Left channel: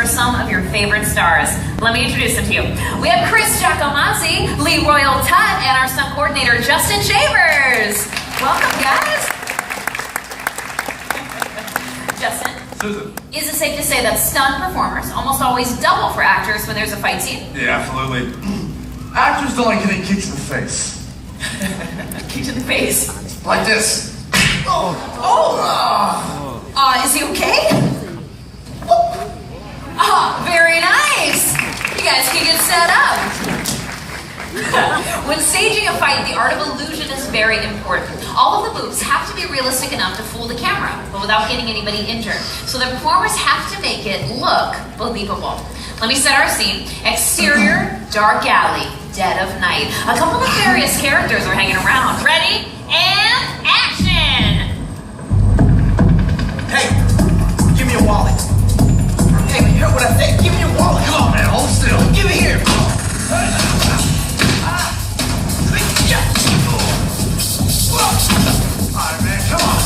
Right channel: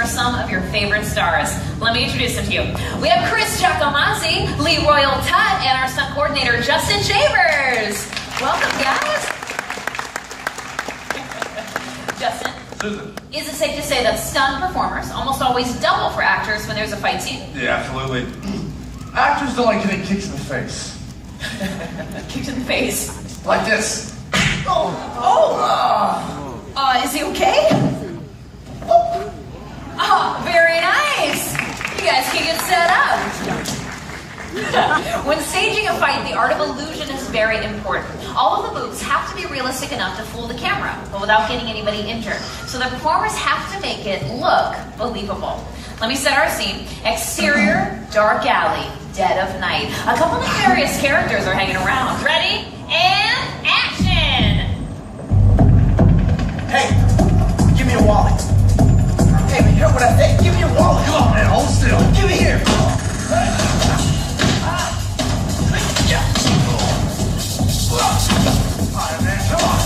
for some of your favorite stars. Let me introduce them to you. We have Chris Giacomazzi, Lee Royal Tutt, and our stunt coordinator, Justin Shavers. Welcome, guys. Justin, Susan. Is it safe to say that stunt performers almost always double for actors when there's a fight scene? Yeah, absolutely. Actors don't like getting kicks in the face. Kicked in the face. Like this. Is he okay? Very nice. You guys can get set up. When staging a fight, the art of illusion is very important. All of the moves have to be realistic enough to fool the camera, but without getting anybody injured. So the performers have to make it look believable. Let me set our scene. Exterior, dark alley, dead of night. A couple of various characters are hanging around. Ready? And action! Hey, give me your wallet. Hey, you heard what I said? Give me your wallet. Come on, man, hold still. Give me here. All right, man, come on.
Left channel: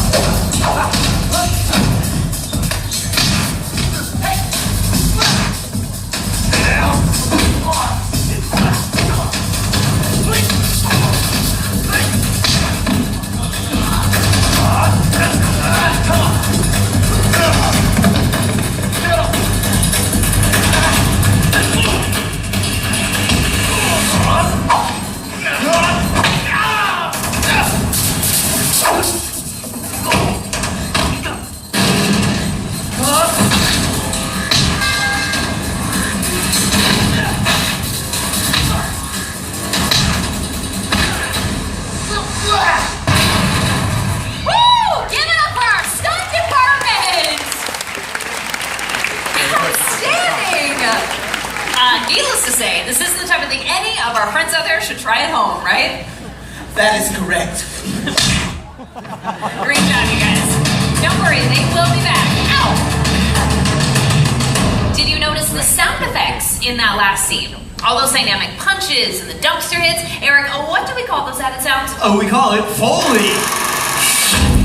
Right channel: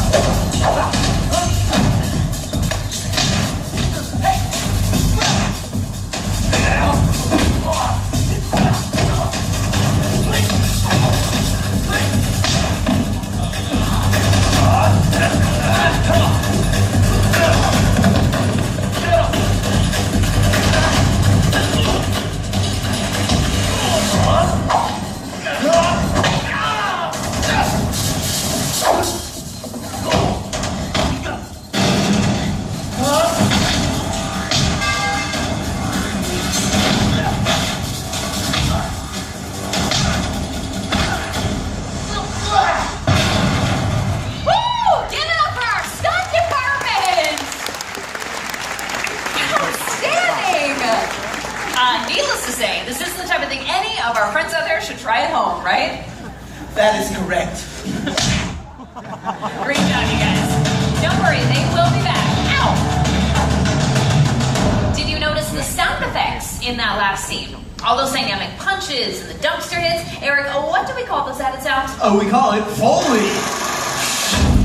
Needless to say, this isn't the type of thing any of our friends out there should try at home, right? That is correct. Great job, you guys. Don't worry, they will be back. Ow! Did you notice the sound effects in that last scene? All those dynamic punches and the dumpster hits. Eric, what do we call those added sounds? Oh, we call it Foley.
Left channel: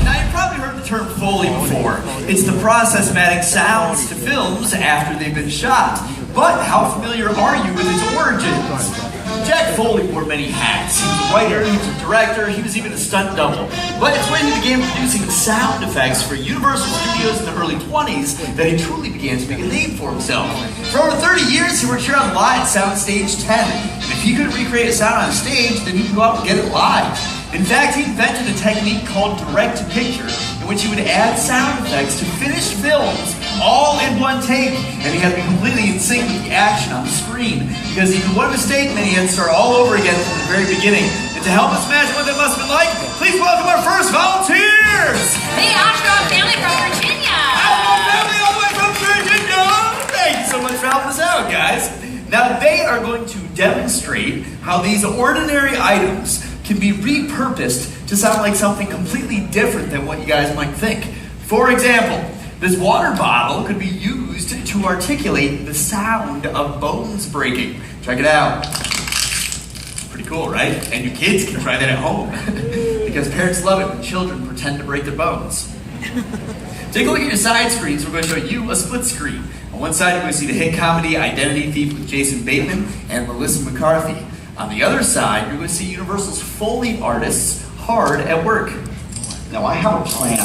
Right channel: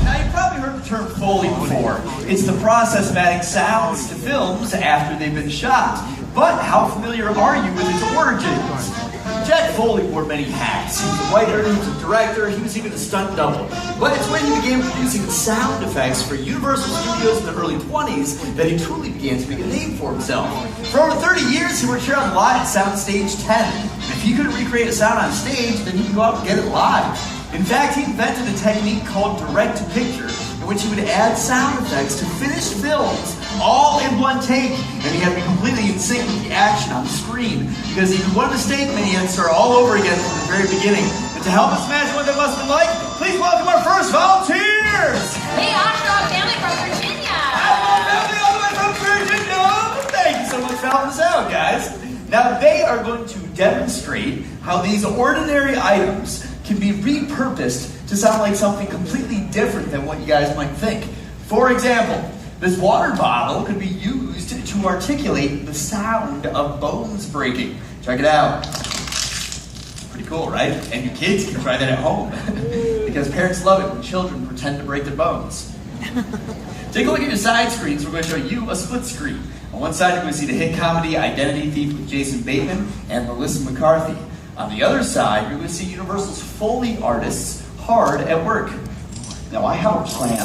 Now, you've probably heard the term Foley before. It's the process of adding sounds to films after they've been shot. But how familiar are you with its origins? Jack Foley wore many hats. He was a writer, he was a director, he was even a stunt double. But it's when he began producing sound effects for Universal Studios in the early 20s that he truly began to make a name for himself. For over 30 years, he worked here on Live Soundstage 10. And if he couldn't recreate a sound on stage, then he could go out and get it live. In fact, he invented a technique called direct-to-picture, in which he would add sound effects to finished films all in one take, and he had to be completely in sync with the action on the screen, because he did one mistake and then he had to start all over again from the very beginning. And to help us imagine what that must have been like, please welcome our first volunteers! The Oshkosh family from Virginia! Our family all the way from Virginia! Thank you so much for helping us out, guys. Now, they are going to demonstrate how these ordinary items can be repurposed to sound like something completely different than what you guys might think. For example, this water bottle could be used to articulate the sound of bones breaking. Check it out. Pretty cool, right? And your kids can try that at home. Because parents love it when children pretend to break their bones. Take a look at your side screens. We're going to show you a split screen. On one side, you're going to see the hit comedy Identity Thief with Jason Bateman and Melissa McCarthy. On the other side, you're going to see Universal's Foley artists hard at work. Now, I have a plan.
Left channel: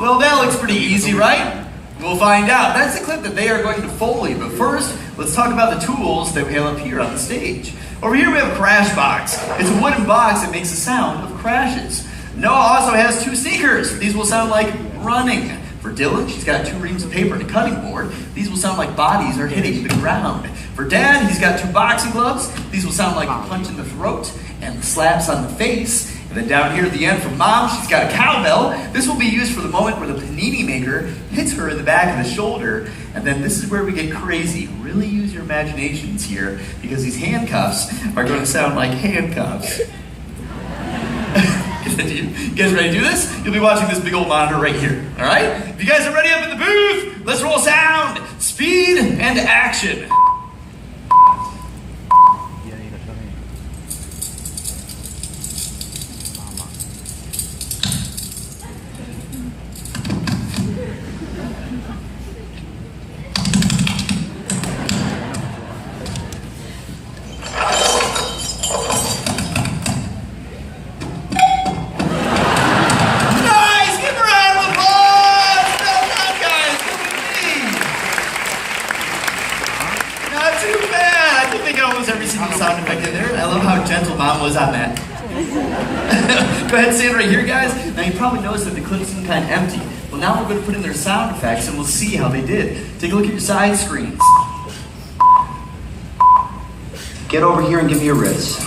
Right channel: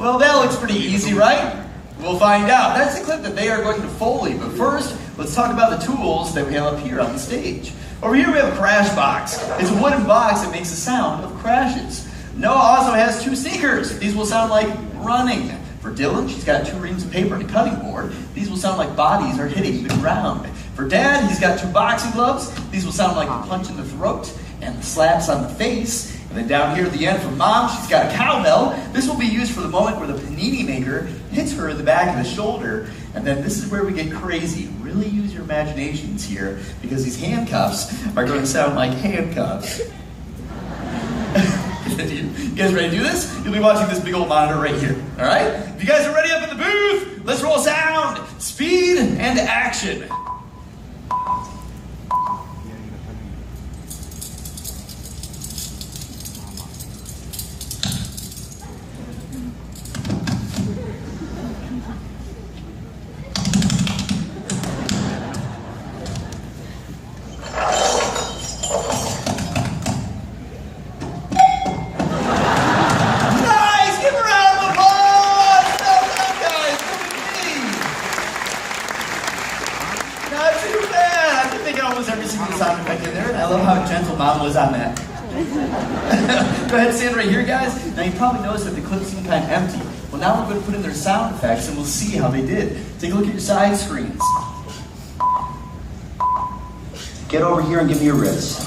Well, that looks pretty easy, right? We'll find out. That's the clip that they are going to Foley. But first, let's talk about the tools that we have up here on the stage. Over here we have a crash box. It's a wooden box that makes the sound of crashes. Noah also has two sneakers. These will sound like running. For Dylan, she's got 2 reams of paper and a cutting board. These will sound like bodies are hitting the ground. For Dad, he's got 2 boxing gloves. These will sound like a punch in the throat and slaps on the face. And then down here at the end for Mom, she's got a cowbell. This will be used for the moment where the panini maker hits her in the back of the shoulder. And then this is where we get crazy. Really use your imaginations here, because these handcuffs are going to sound like handcuffs. You guys ready to do this? You'll be watching this big old monitor right here, all right? If you guys are ready up in the booth, let's roll sound, speed, and action. I think almost every single sound effect in there, and I love how gentle Mom was on that. Go ahead, stand right here, guys. Now you probably noticed that the clip seemed kind of empty. Well, now we're going to put in their sound effects, and we'll see how they did. Take a look at your side screens. Get over here and give me a riz.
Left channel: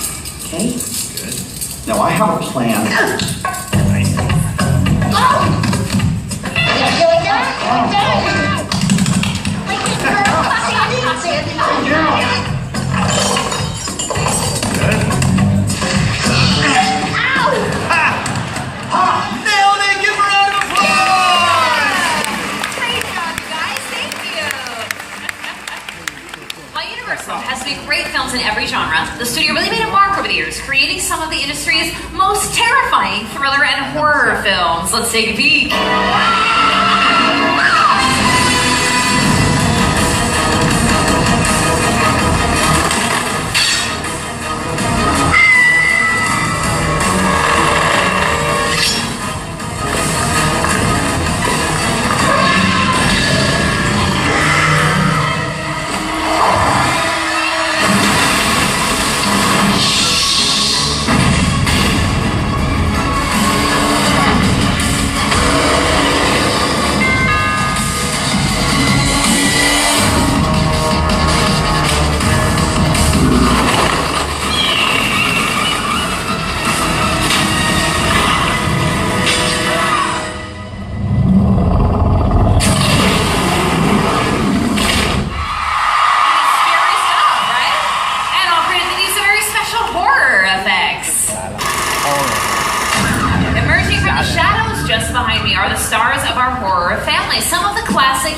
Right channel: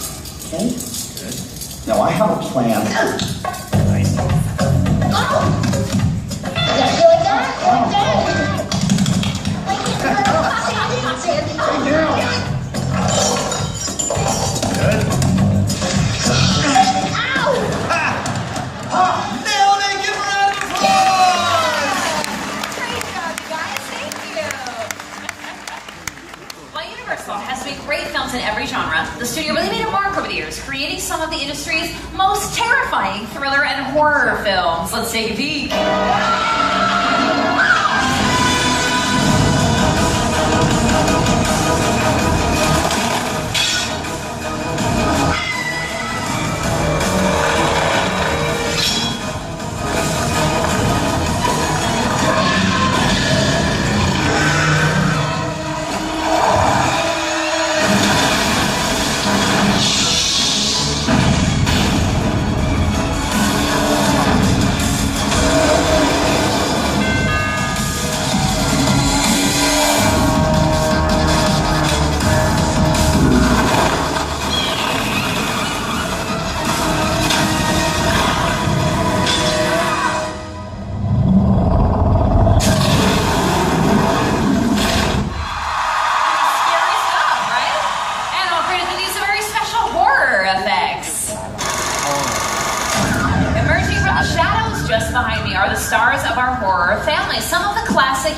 Okay? Good. Now I have a plan. Nice. Great films in every genre. The studio really made a mark over the years, creating some of the industry's most terrifying thriller and horror films. Let's take a peek.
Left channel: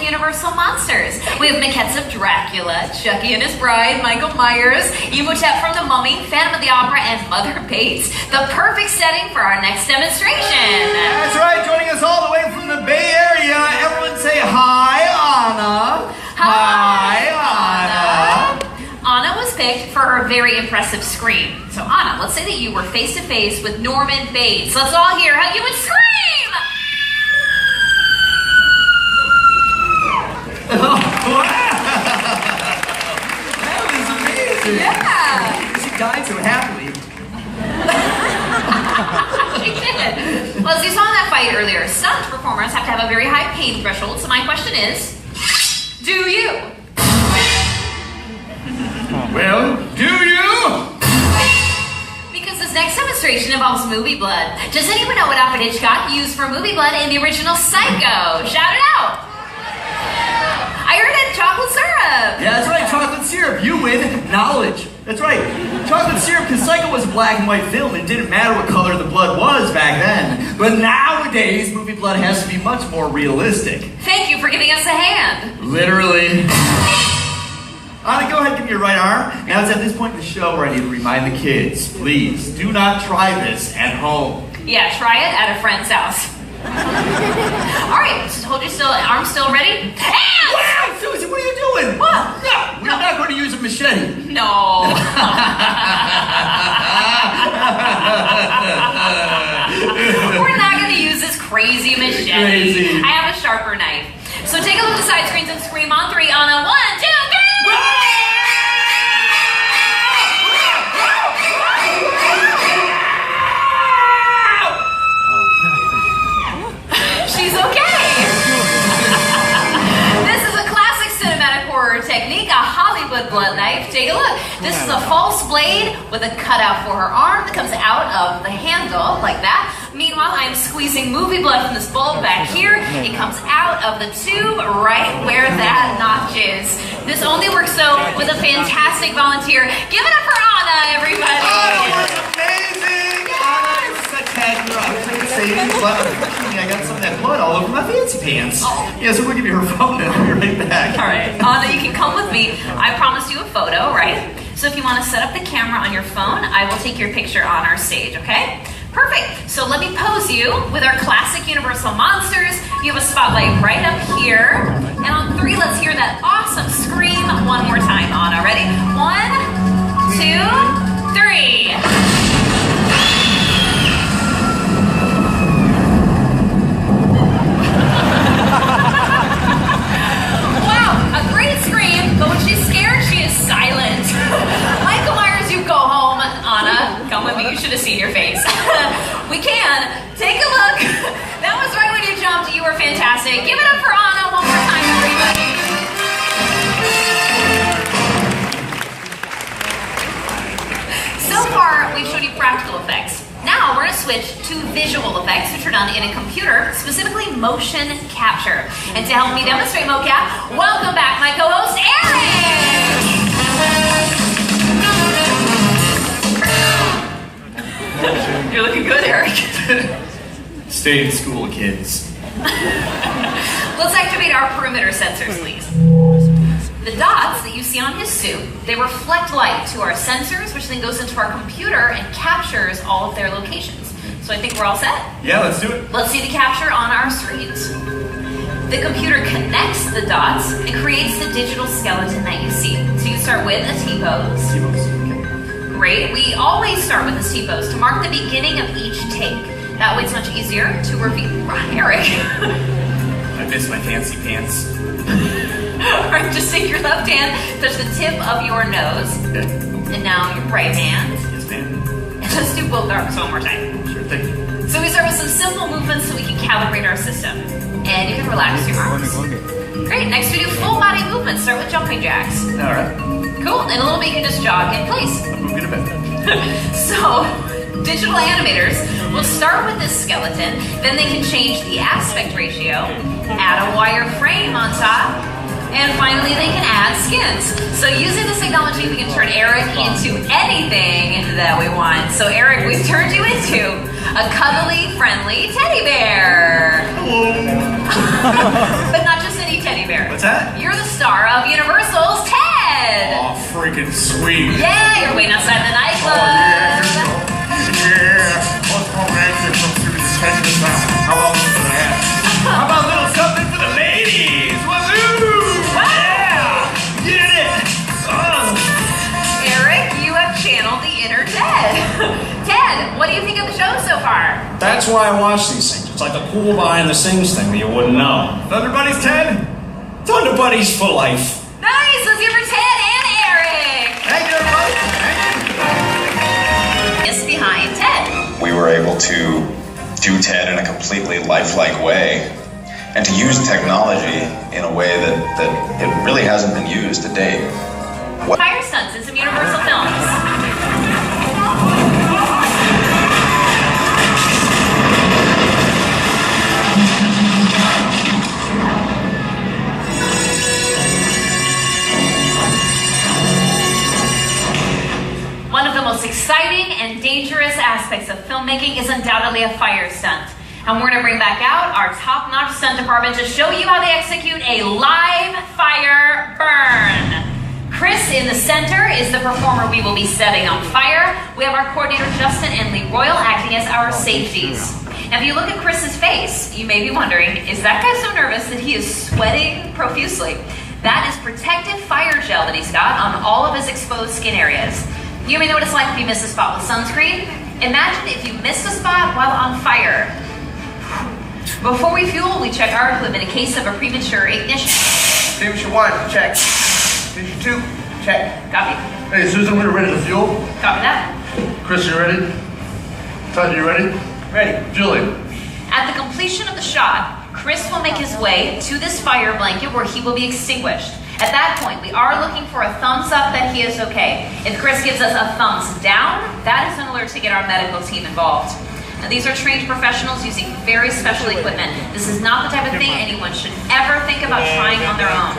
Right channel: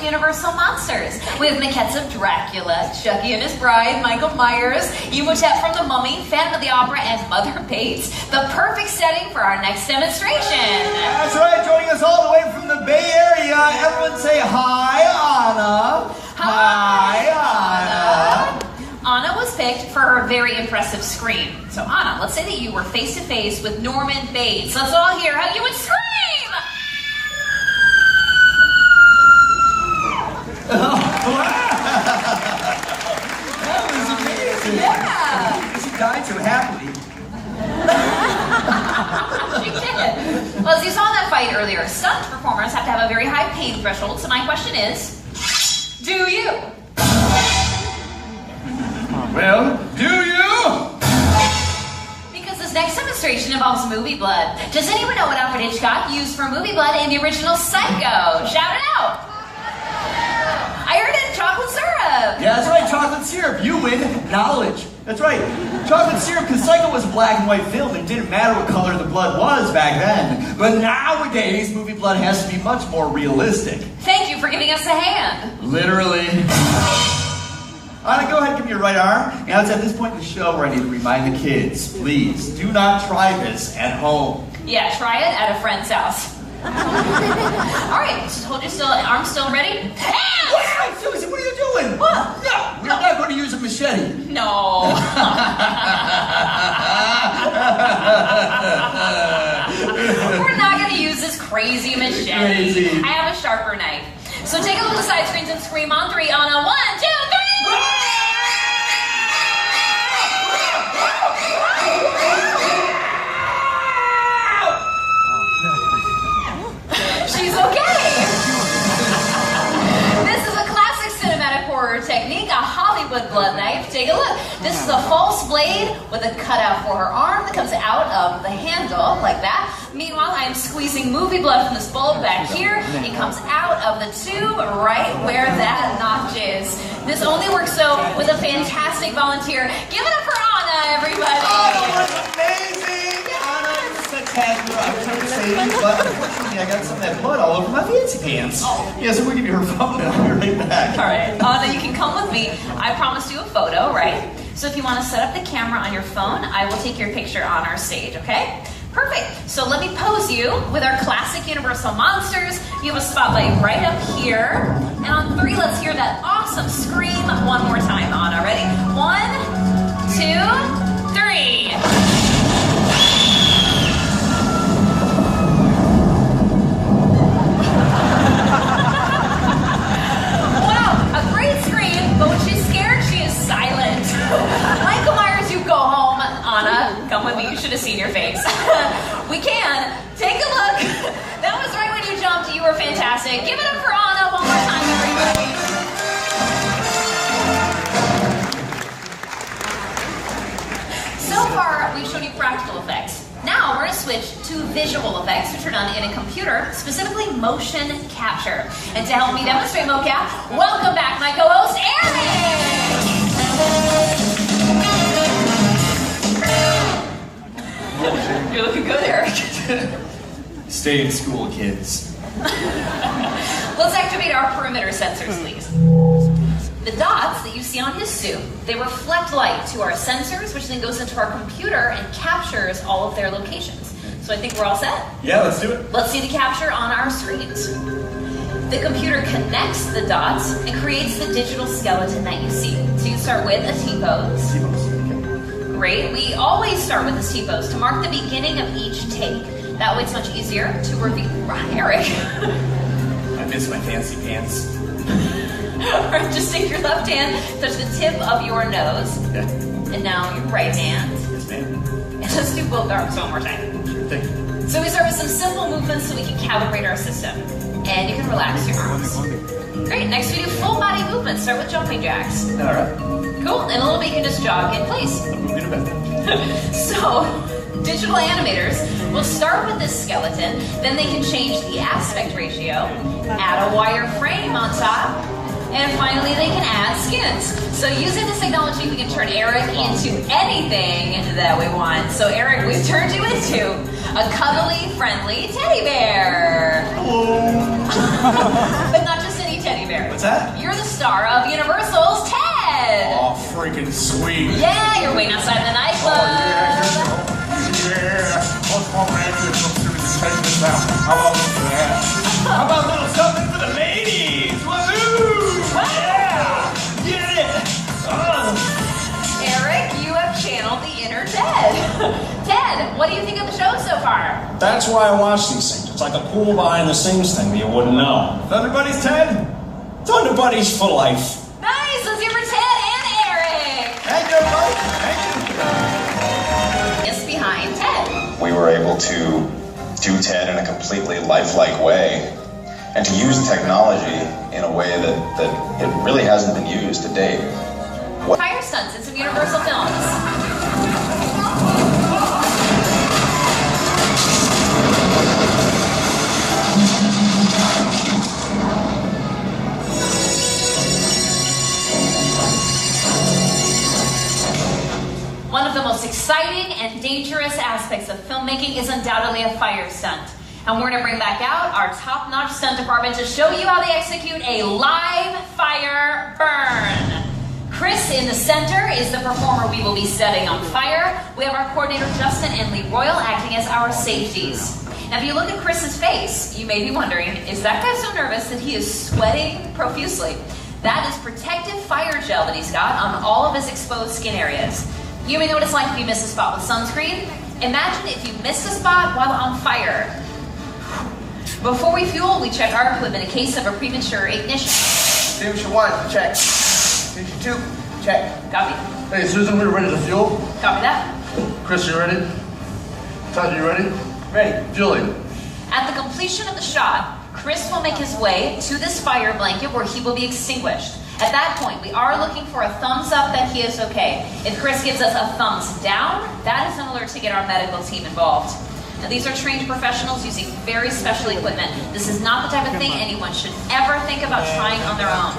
Universal monsters. We have maquettes of Dracula, Chucky and his bride, Michael Myers, Emotep from The Mummy, Phantom of the Opera, and Mother Bates. The perfect setting for our next demonstration. That's right, joining us all the way from the Bay Area. Everyone say hi, Anna. Hi, Anna. Anna was picked for her very impressive scream. So Anna, let's say that you were face to face with Norman Bates. Let's all hear how you would scream. That was amazing. Yeah. She died so happily. She did. Well, as you saw in that fight earlier, stunt performers have to have a very high pain threshold. So my question is, do you? Well, do you? Because this next demonstration involves movie blood. Does anyone know what Alfred Hitchcock used for movie blood in the original Psycho? Shout it out. I heard it, chocolate syrup. Yeah, that's right, chocolate syrup. You win knowledge. That's right, chocolate syrup, because Psycho was a black and white film, and it didn't matter what color the blood was back then. But nowadays, movie blood has to be much more realistic. Thank you for giving us a hand. Literally. Anna, go ahead and give me your right arm. Now it's at this point in the show where I need to remind the kids, please, do not try this at home. Yeah, try it at a friend's house. All right, so hold your arm still ready? Wow, Susie, what are you doing? What? No, we're not going to use a machete. No. We're not going to use this crazy machete. Crazy. I have a sharper knife. So take a look at the side screens and scream on three on a 1, 2, 3. She's okay. This is a classic cinematic horror technique, a Hollywood blood knife. Take a look. This is a false blade with a cutout for her arm that comes out of the handle like that. Meanwhile, I'm squeezing movie blood from this bulb back here. It comes out of the tube right where that notch is. This only works, though, with a fantastic volunteer. Give it up for Anna, everybody. Anna was amazing. Anna, you're such a hero. I was trying to save you, but unfortunately, I got some of that blood all over my fancy pants. Yeah, so we'll give you her phone and I'll be right back. All right. Anna, you can come with me. I promised you a photo, right? So if you want to set up the camera on your phone, I will take your picture on our stage, okay? Perfect. So let me pose you with our classic Universal monsters. You have a spotlight right up here. And on 3, let's hear that awesome scream one more time. Anna, ready? 1, 2, 3. Wow, a great scream, but when she's scared, she is silent. see in your face. We can. Take a look. That was right when you jumped. You were fantastic. Give it up for Anna one more time, everybody. So far, we've showed you practical effects. Now we're going to switch to visual effects, which are done in a computer, specifically motion capture. And to help me demonstrate mocap, welcome back my co-host, Eric! You're looking good, Eric. Stay in school, kids. Let's activate our perimeter sensors, please. The dots that you see on his suit, they reflect light to our sensors, which then goes into our computer and captures all of their locations. So I think we're all set? Yeah, let's do it. Let's see the capture on our screens. The computer connects the dots and creates the digital skeleton that you see. So you start with a T-pose. Great. We always start with a T-pose to mark the beginning of each take. That way it's much easier to review. Eric. I missed my fancy pants. Alright, just take your left hand, touch the tip of your nose. Okay. And now your right hand. Yes, ma'am. And let's do both arms one more time. Sure thing. So we start with some simple movements so we can calibrate our system. And you can relax your arms. Great, next we do full body movements. Start with jumping jacks. Alright. Cool, and a little bit you can just jog in place. I'm moving a bit. So, digital animators will start with this skeleton, then they can change the aspect ratio, add a wire frame on top, and finally they can add skins. So using this technology, we can turn Eric into anything that we want. So Eric, we've turned you into a cuddly, friendly teddy bear. Hello. But not just any teddy bear. What's that? You're the star of Universal's Ted. Oh, freaking sweet. Yeah, you're waiting outside the nightclub. Yeah. What's more romantic from through the segment now? How long is that? How about a little something for the ladies? Wazoo! Yeah! Get it! Oh. Eric, you have channeled the inner Ted. Ted, what do you think of the show so far? That's why I watch these things. It's like a cool behind the scenes thing that you wouldn't know. Thunder Buddies, Ted? Thunder Buddies for life. Nice, let's hear for Ted and Eric. Thank you, everybody. Thank you. It's behind Ted. We were able to do TED in a completely lifelike way and to use technology in a way that it really hasn't been used to date. Fire stunts in some Universal films. One of the most exciting and dangerous aspects of filmmaking is undoubtedly a fire stunt. And we're going to bring back out our top-notch stunt department to show you how they execute a live fire burn. Chris in the center is the performer we will be setting on fire. We have our coordinator Justin and Lee Royal acting as our safeties. Now if you look at Chris's face, you may be wondering, is that guy so nervous that he is sweating profusely? That is protective fire gel that he's got on all of his exposed skin areas. You may know what it's like if you miss a spot with sunscreen. Imagine if you missed a spot while on fire. Before we fuel, we check our equipment in case of a premature ignition. Extinguisher 1, check. Extinguisher 2, check. Copy. Hey, Susan, we're ready to fuel. Copy that. Chris, you ready? Todd, you ready? Ready. Julie. At the completion of the shot, Chris will make his way to this fire blanket where he will be extinguished. At that point, we are looking for a thumbs up that he is okay. If Chris gives us a thumbs down, that is an alert to get our medical team involved. Now, these are trained professionals using very special equipment. This is not the type of thing anyone should ever think about trying on their own.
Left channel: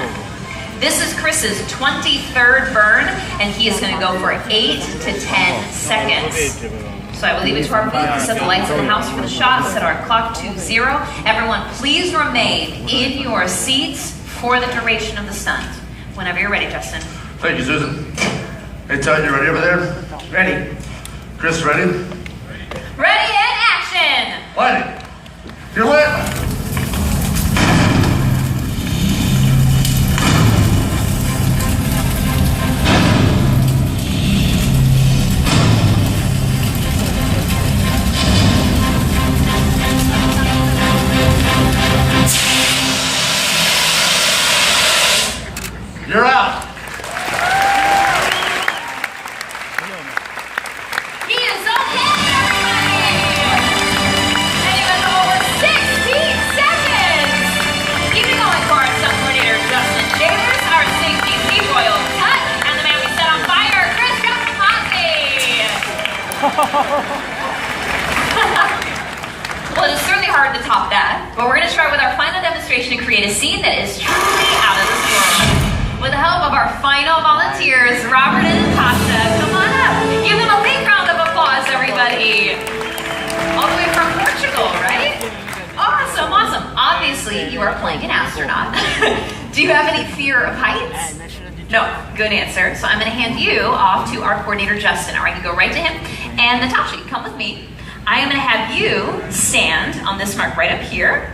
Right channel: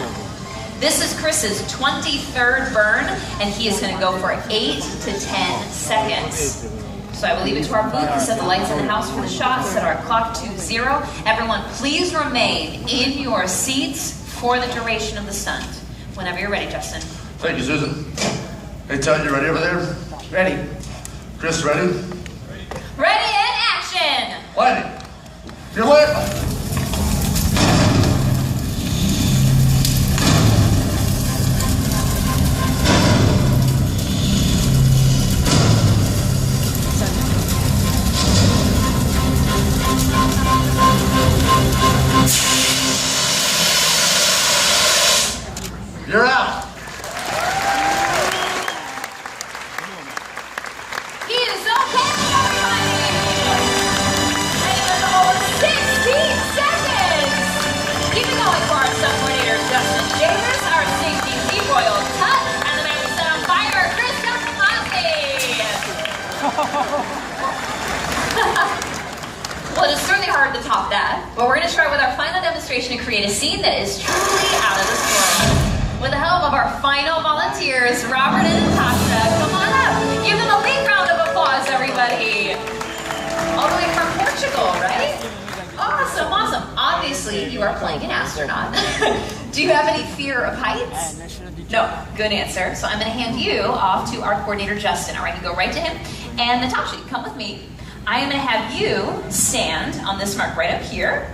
This is Chris's 23rd burn, and he is going to go for 8 to 10 seconds. So I will leave it to our booth to set the lights in the house for the shot, set our clock to 0. Everyone, please remain in your seats for the duration of the stunt. Whenever you're ready, Justin. Thank you, Susan. Hey, Todd, you ready over there? Ready. Chris, ready? Ready and action! Lighting. You're lit. You're out. He is okay! Well, it's certainly hard to top that, but we're going to try with our final demonstration to create a scene that is truly out of this world. With the help of our final volunteers, Robert and Natasha, come on up. Give them a big round of applause, everybody. All the way from Portugal, right? Awesome, awesome. Obviously, you are playing an astronaut. Do you have any fear of heights? No, good answer. So I'm going to hand you off to our coordinator, Justin. All right, you go right to him. And Natasha, you come with me. I am going to have you stand on this mark right up here.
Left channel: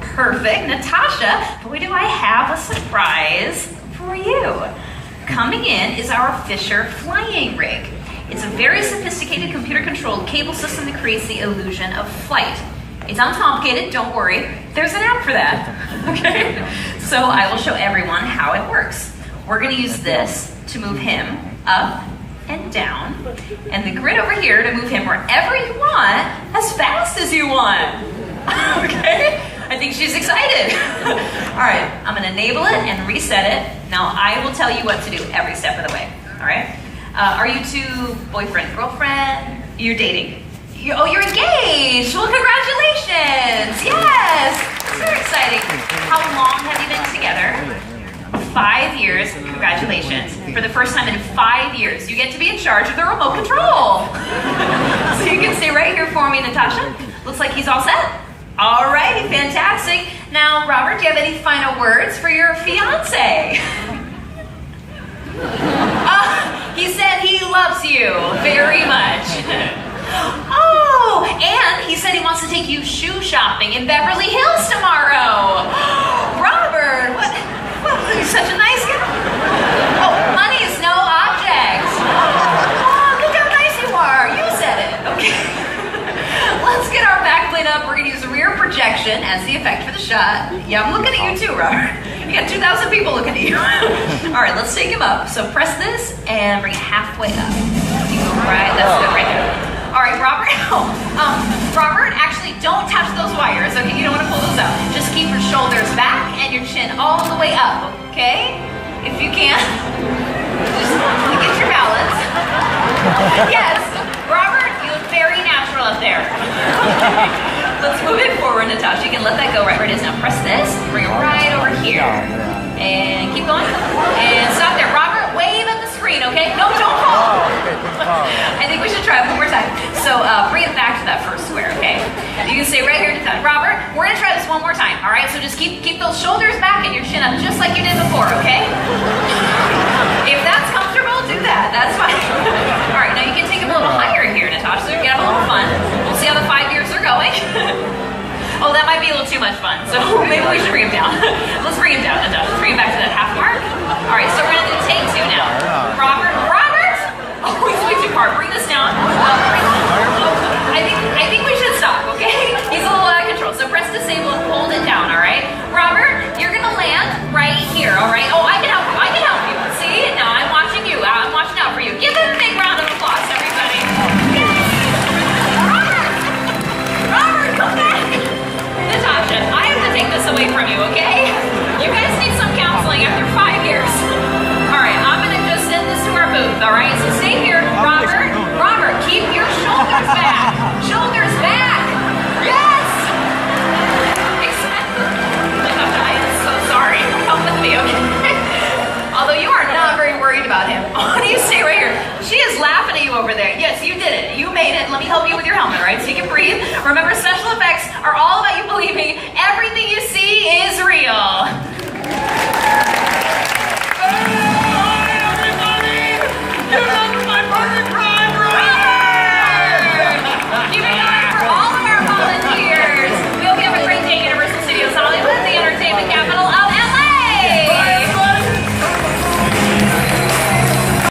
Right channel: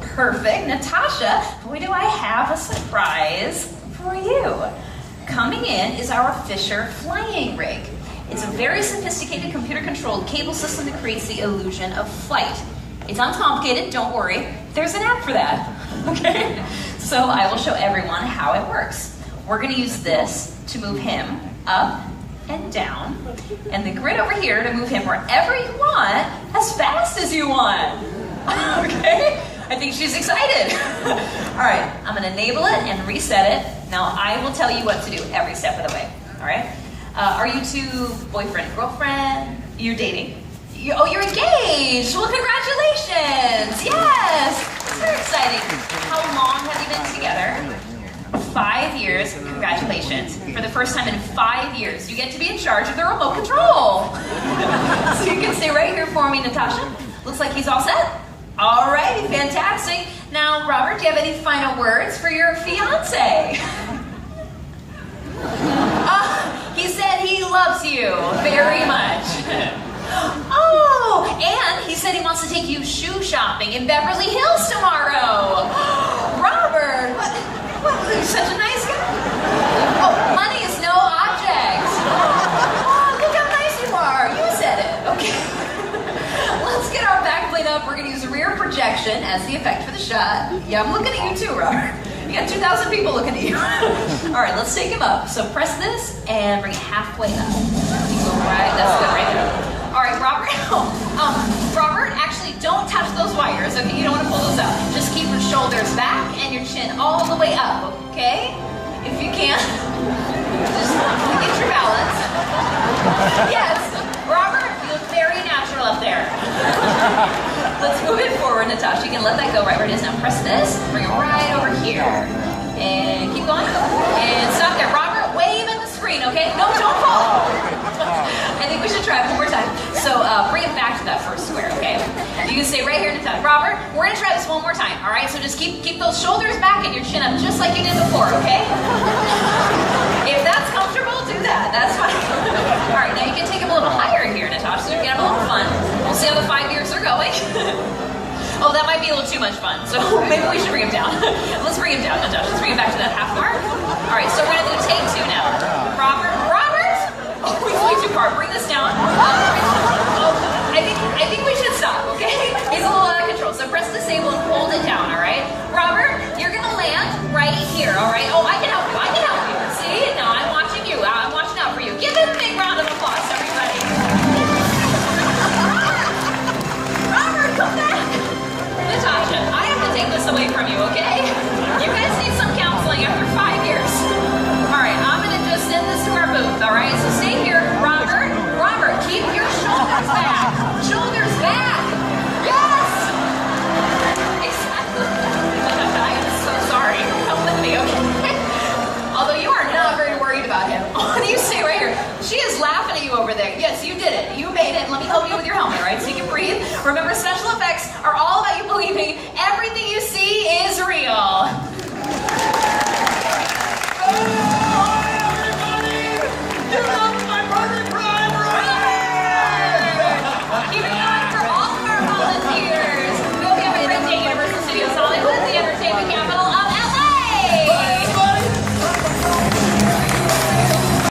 Perfect. Natasha, boy, do I have a surprise for you. Coming in is our Fisher flying rig. It's a very sophisticated computer-controlled cable system that creates the illusion of flight. It's uncomplicated, don't worry. There's an app for that, okay? So I will show everyone how it works. We're gonna use this to move him up and down, and the grid over here to move him wherever you want, as fast as you want, okay? I think she's excited. All right, I'm gonna enable it and reset it. Now I will tell you what to do every step of the way, all right? Are you two boyfriend, girlfriend? You're dating? You're engaged! Well, congratulations! Yes! Very exciting. How long have you been together? 5 years. Congratulations. For the first time in 5 years, you get to be in charge of the remote control. So you can stay right here for me, Natasha. Looks like he's all set. All righty, fantastic. Now, Robert, do you have any final words for your fiance? He said he loves you very much. Oh, and he said he wants to take you shoe shopping in Beverly Hills tomorrow. Robert, what? You're such a nice guy. Oh, money is no object. Oh, look how nice you are. You said it. Okay. Let's get our backplate up. We're going to use rear projection as the effect for the shot. Yeah, I'm looking at you too, Robert. You got 2,000 people looking at you. All right, let's take him up. So press this and bring it halfway up. You go right, that's good right there. All right, Robert. Robert, actually, don't touch those wires. Okay, you don't want to pull those out. Just keep your shoulders back and your chin all the way up. Okay, if you can. Just get your balance. Yes, Robert, you look very natural up there. Let's move it forward, Natasha. You can let that go right where it is. Now press this, bring it right over here. And keep going. And stop there. Robert, wave at the screen, okay? No, don't fall. I think we should try it one more time. So bring it back to that first square, okay? You can stay right here, Natasha. Robert, we're gonna try this one more time, all right? So just keep those shoulders back and your chin up just like you did before, okay? If that's comfortable, do that. That's fine. All right, now you can take it a little higher here, Natasha, so you can have a little fun. We'll see how the 5 years are going. Oh, that might be a little too much fun, so maybe we should bring him down. Let's bring him down, Natasha. Let's bring him back to that half mark. All right, so we're gonna do take two now. Robert! Oh, he's way too hard. Bring this down. I think we should stop, okay? He's a little out of control. So press disable and hold it down, all right? Robert, you're gonna land right here, all right? Oh, I can help you. I can help you. See? Now I'm watching you. I'm watching out for you. Give him a big round of applause, everybody. Robert, come back. Natasha, I have to take this away from you, okay? You guys need some counseling after 5 years. All right, I'm gonna just send this to our booth, all right? So stay here, Robert. Robert, keep your shoulders back. Shoulders back. Yes. I am so sorry. Come with me, okay? Although you are not very worried about him. Oh, you stay right here. She is laughing at you over there. Yes, you did it. You made it. Let me help you with your helmet, all right? So you can breathe. Remember, special effects are all about you believing everything